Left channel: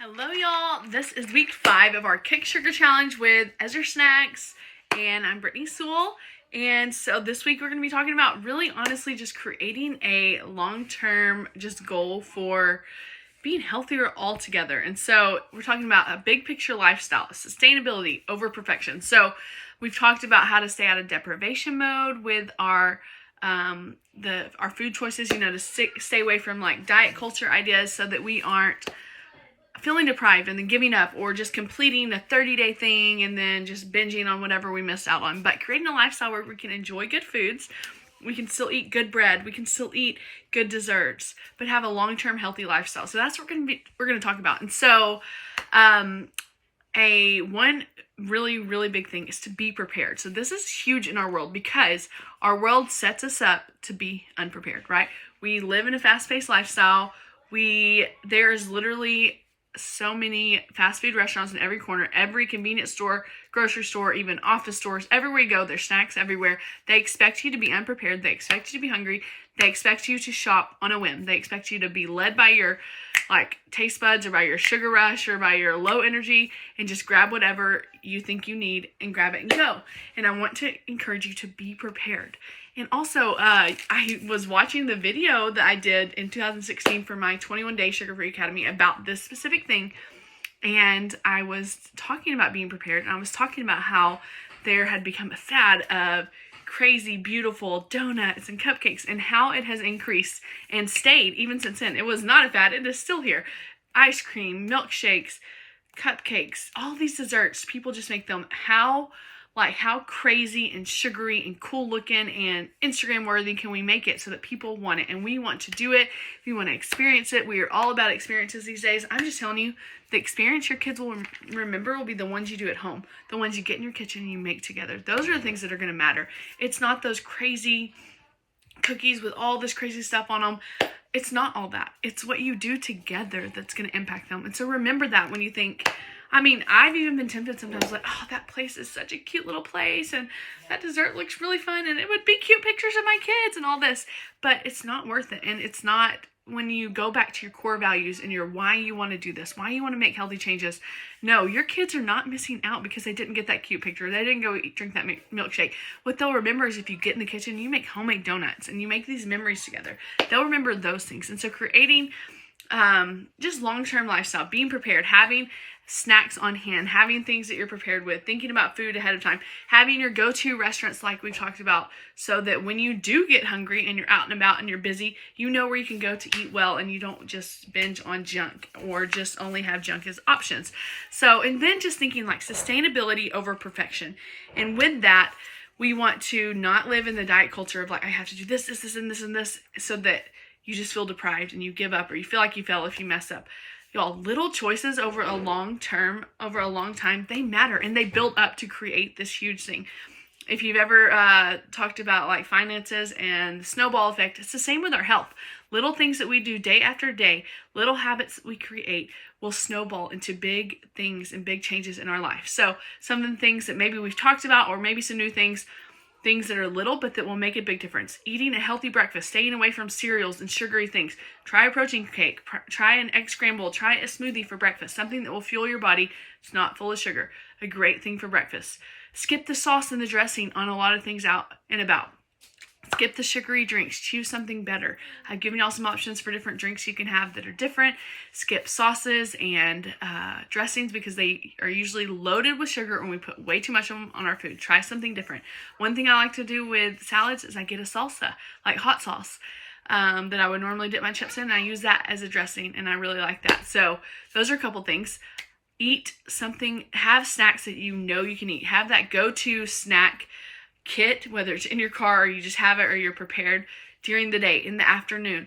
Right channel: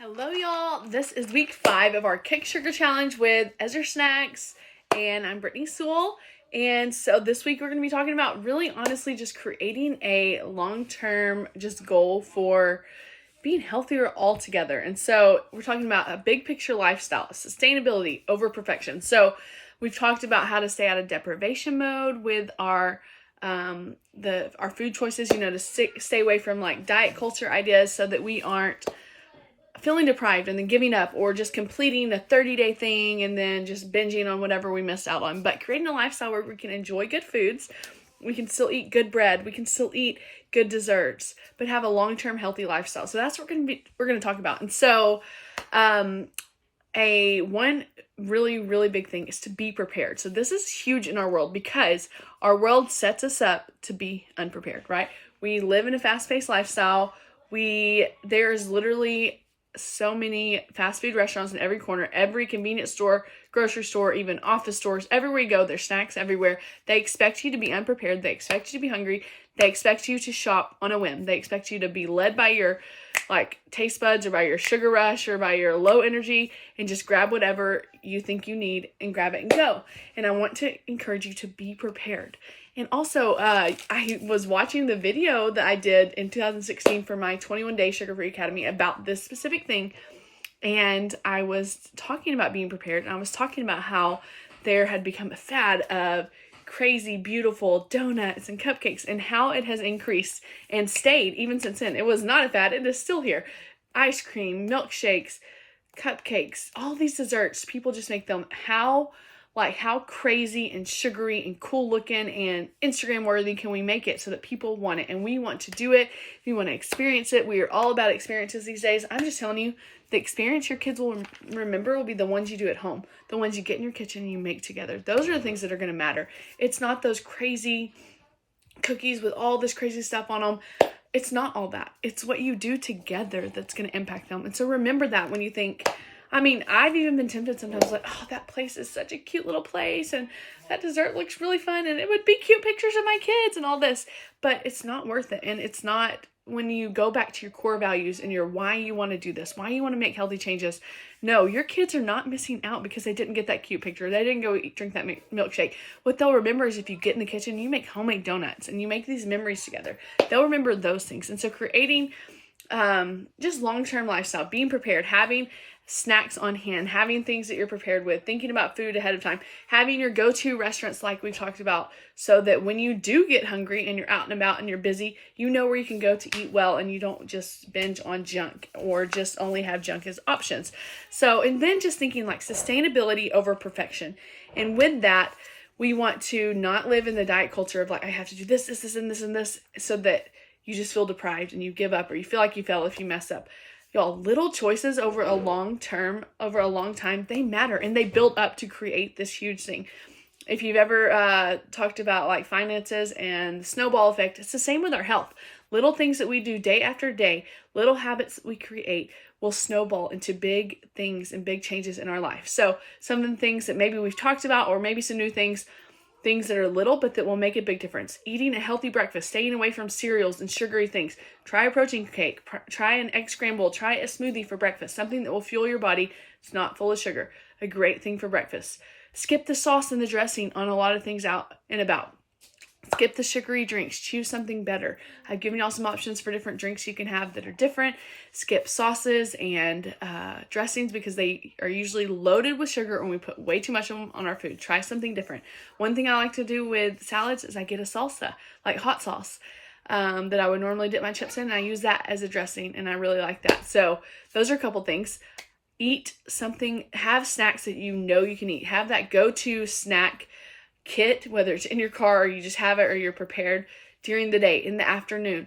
Hello, y'all. This is week 5 of our Kick Sugar Challenge with Ezra Snacks, and I'm Brittany Sewell. And so this week we're going to be talking about really honestly just creating a long-term just goal for being healthier altogether. And so we're talking about a big picture lifestyle, sustainability over perfection. So we've talked about how to stay out of deprivation mode with our food choices, to stay away from like diet culture ideas so that we aren't feeling deprived and then giving up or just completing a 30-day thing and then just binging on whatever we missed out on. But creating a lifestyle where we can enjoy good foods, we can still eat good bread, we can still eat good desserts, but have a long-term healthy lifestyle. So that's what we're going to talk about. And so one really big thing is to be prepared. So this is huge in our world because our world sets us up to be unprepared, right? We live in a fast-paced lifestyle. There's literally so many fast food restaurants in every corner, every convenience store, grocery store, even office stores, everywhere you go, there's snacks everywhere. They expect you to be unprepared. They expect you to be hungry. They expect you to shop on a whim. They expect you to be led by your taste buds or by your sugar rush or by your low energy and just grab whatever you think you need and grab it and go. And I want to encourage you to be prepared. And also, I was watching the video that I did in 2016 for my 21-day Sugar-Free Academy about this specific thing. And I was talking about being prepared. And I was talking about how there had become a fad of crazy, beautiful donuts and cupcakes and how it has increased and stayed even since then. It was not a fad. It is still here. Ice cream, milkshakes, cupcakes, all these desserts. People just make them how crazy and sugary and cool looking and Instagram worthy can we make it so that people want it and we want to do it. We want to experience it. We are all about experiences these days. I'm just telling you, the experience your kids will remember will be the ones you do at home, the ones you get in your kitchen and you make together. Those are the things that are going to matter. It's not those crazy cookies with all this crazy stuff on them. It's not all that. It's what you do together that's going to impact them. And so remember that when you think, I've even been tempted sometimes oh, that place is such a cute little place and that dessert looks really fun and it would be cute pictures of my kids and all this, but it's not worth it. And it's not when you go back to your core values and your why you want to do this, why you want to make healthy changes. No, your kids are not missing out because they didn't get that cute picture. They didn't go drink that milkshake. What they'll remember is if you get in the kitchen and you make homemade donuts and you make these memories together, they'll remember those things. And so creating just long-term lifestyle, being prepared, having snacks on hand, having things that you're prepared with, thinking about food ahead of time, having your go-to restaurants like we talked about so that when you do get hungry and you're out and about and you're busy, you know where you can go to eat well and you don't just binge on junk or just only have junk as options. So, and then just thinking like sustainability over perfection. And with that, we want to not live in the diet culture of I have to do this, and this, so that you just feel deprived and you give up or you feel like you fail if you mess up. Y'all, little choices over a long time, they matter and they build up to create this huge thing. If you've ever talked about finances and the snowball effect, it's the same with our health. Little things that we do day after day, little habits that we create will snowball into big things and big changes in our life. So some of the things that maybe we've talked about or maybe some new things that are little but that will make a big difference. Eating a healthy breakfast, staying away from cereals and sugary things. Try a protein cake, try an egg scramble, try a smoothie for breakfast, something that will fuel your body. It's not full of sugar. A great thing for breakfast. Skip the sauce and the dressing on a lot of things out and about. Skip the sugary drinks. Choose something better. I've given y'all some options for different drinks you can have that are different. Skip sauces and dressings because they are usually loaded with sugar and we put way too much of them on our food. Try something different. One thing I like to do with salads is I get a salsa, like hot sauce, that I would normally dip my chips in, and I use that as a dressing, and I really like that. So those are a couple things. Eat something. Have snacks that you know you can eat. Have that go-to snack kit, whether it's in your car or you just have it or you're prepared during the day, in the afternoon.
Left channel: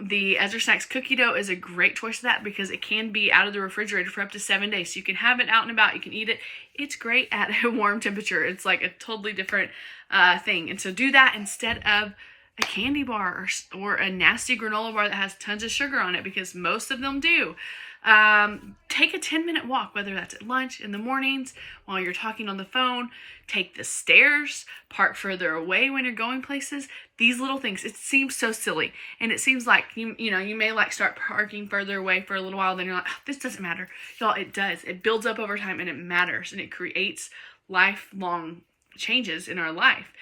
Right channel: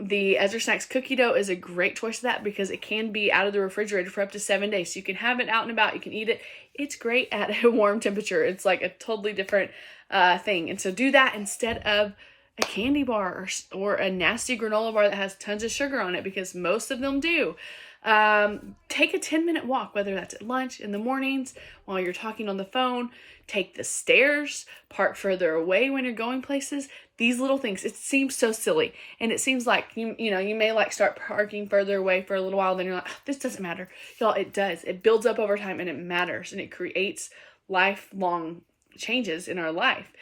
The Ezra Snacks cookie dough is a great choice of that because it can be out of the refrigerator for up to 7 days. So you can have it out and about. You can eat it. It's great at a warm temperature. It's like a totally different thing. And so do that instead of a candy bar or a nasty granola bar that has tons of sugar on it, because most of them do. take a 10-minute walk, whether that's at lunch, in the mornings, while you're talking on the phone. Take the stairs, park further away when you're going places. These little things, it seems so silly. And it seems like, you may like start parking further away for a little while, then you're like, oh, this doesn't matter. Y'all, it does. It builds up over time and it matters, and it creates lifelong changes in our life.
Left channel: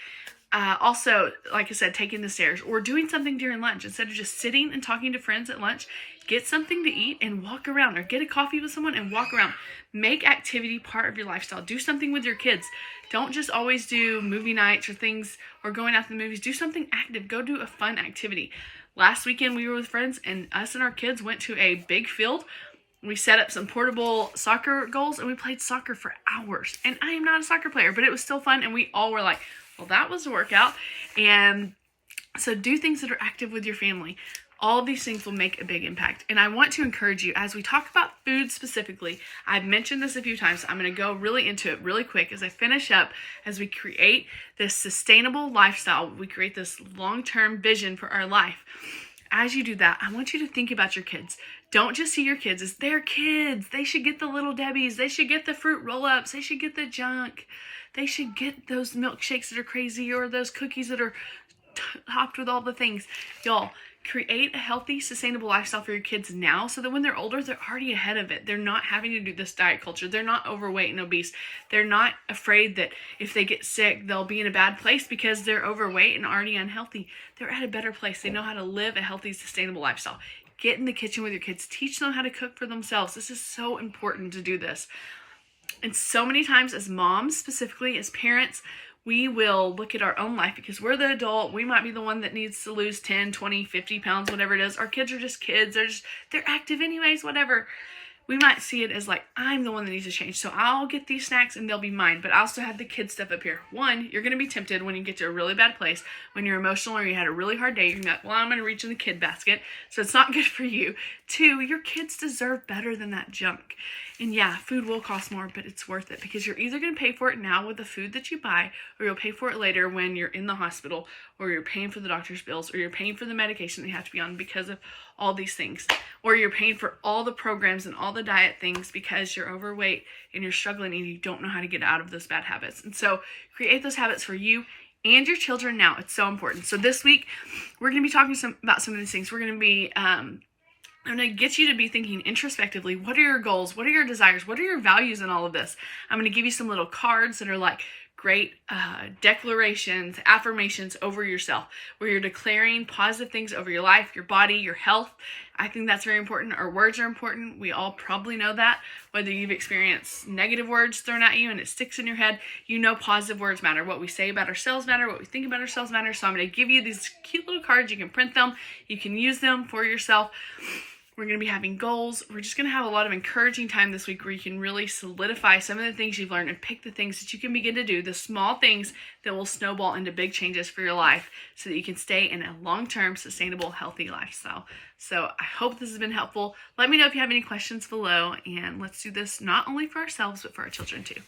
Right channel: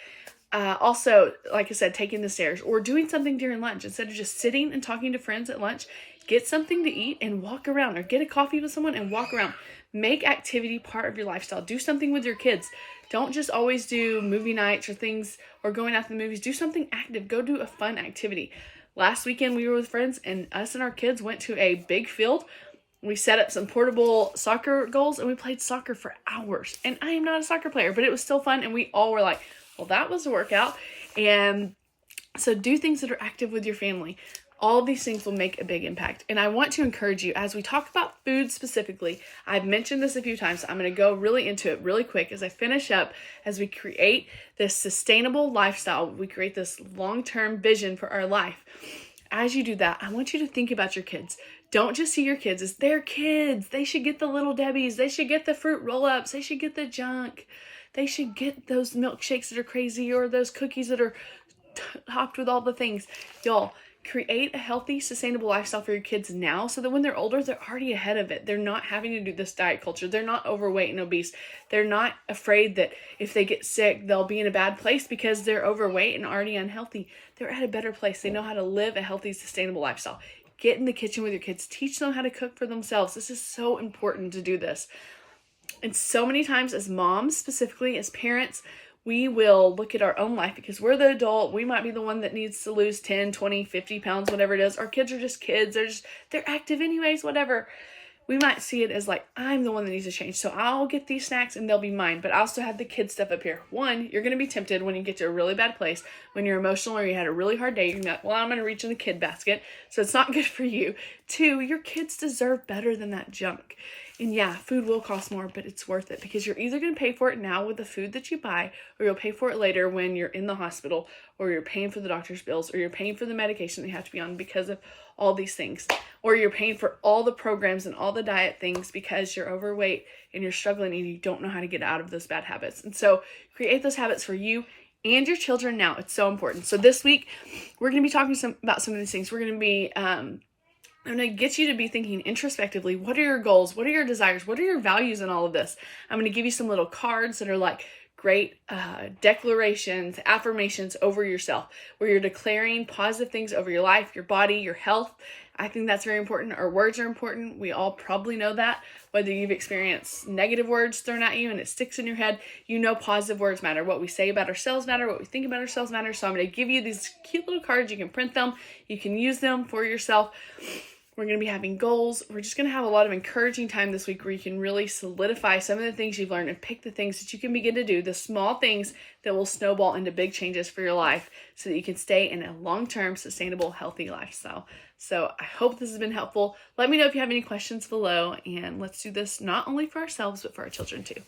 Also, like I said, taking the stairs or doing something during lunch. Instead of just sitting and talking to friends at lunch, get something to eat and walk around, or get a coffee with someone and walk around. Make activity part of your lifestyle. Do something with your kids. Don't just always do movie nights or things, or going out to the movies. Do something active. Go do a fun activity. Last weekend we were with friends, and us and our kids went to a big field. We set up some portable soccer goals and we played soccer for hours. And I am not a soccer player, but it was still fun. And we all were like, well, that was a workout. And so do things that are active with your family. All of these things will make a big impact. And I want to encourage you, as we talk about food specifically, I've mentioned this a few times. I'm going to go really into it really quick as I finish up, as we create this sustainable lifestyle. We create this long-term vision for our life. As you do that, I want you to think about your kids. Don't just see your kids as their kids. They should get the Little Debbies. They should get the fruit roll-ups. They should get the junk. They should get those milkshakes that are crazy, or those cookies that are topped with all the things. Y'all, create a healthy, sustainable lifestyle for your kids now, so that when they're older, they're already ahead of it. They're not having to do this diet culture. They're not overweight and obese. They're not afraid that if they get sick, they'll be in a bad place because they're overweight and already unhealthy. They're at a better place. They know how to live a healthy, sustainable lifestyle. Get in the kitchen with your kids. Teach them how to cook for themselves. This is so important to do this. And so many times as moms, specifically as parents, we will look at our own life because we're the adult. We might be the one that needs to lose 10, 20, 50 pounds, whatever it is. Our kids are just kids. They're active anyways, whatever. We might see it as like, I'm the one that needs to change. So I'll get these snacks and they'll be mine. But I also have the kid stuff up here. One, you're going to be tempted when you get to a really bad place, when you're emotional or you had a really hard day. You're going to be like, well, I'm going to reach in the kid basket. So it's not good for you. Two, your kids deserve better than that junk. And yeah, food will cost more, but it's worth it, because you're either going to pay for it now with the food that you buy, or you'll pay for it later when you're in the hospital, or you're paying for the doctor's bills, or you're paying for the medication that you have to be on because of all these things, or you're paying for all the programs and all the diet things because you're overweight and you're struggling and you don't know how to get out of those bad habits. And so create those habits for you and your children now. It's so important. So this week, we're going to be talking about some of these things. We're going to be I'm going to get you to be thinking introspectively. What are your goals? What are your desires? What are your values in all of this? I'm going to give you some little cards that are like great declarations, affirmations over yourself, where you're declaring positive things over your life, your body, your health. I think that's very important. Our words are important. We all probably know that. Whether you've experienced negative words thrown at you and it sticks in your head, you know positive words matter. What we say about ourselves matter. What we think about ourselves matter. So I'm going to give you these cute little cards. You can print them. You can use them for yourself. We're going to be having goals. We're just going to have a lot of encouraging time this week where you can really solidify some of the things you've learned and pick the things that you can begin to do, the small things that will snowball into big changes for your life, so that you can stay in a long-term, sustainable, healthy lifestyle. So I hope this has been helpful. Let me know if you have any questions below, and let's do this not only for ourselves, but for our children too.